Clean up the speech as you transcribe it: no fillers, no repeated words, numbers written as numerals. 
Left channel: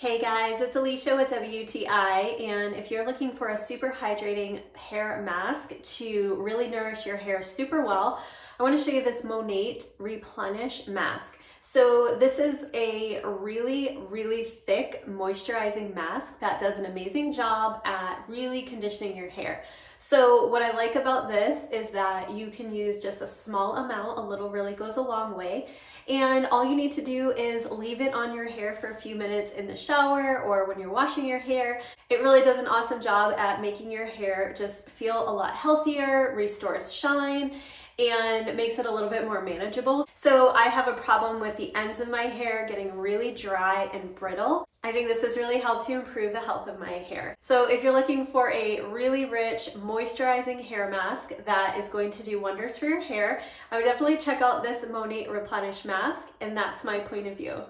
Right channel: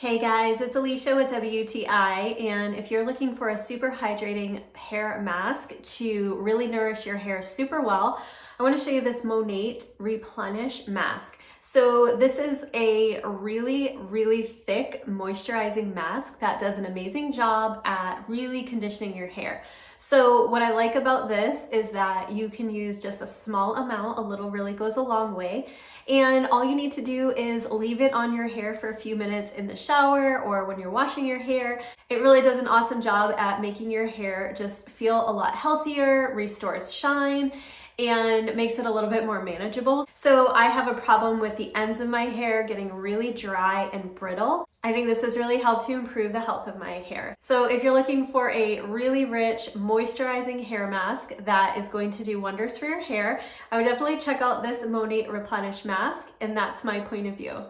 Hey guys, it's Alicia with WTI, and if you're looking for a super hydrating hair mask to really nourish your hair super well, I want to show you this Monat Replenish Masque. So this is a really thick moisturizing mask that does an amazing job at really conditioning your hair. So what I like about this is that you can use just a small amount, a little really goes a long way. And all you need to do is leave it on your hair for a few minutes in the shower or when you're washing your hair. It really does an awesome job at making your hair just feel a lot healthier, restores shine, and makes it a little bit more manageable. So I have a problem with the ends of my hair getting really dry and brittle. I think this has really helped to improve the health of my hair. So if you're looking for a really rich moisturizing hair mask that is going to do wonders for your hair, I would definitely check out this Monat Replenish Masque, and that's my point of view.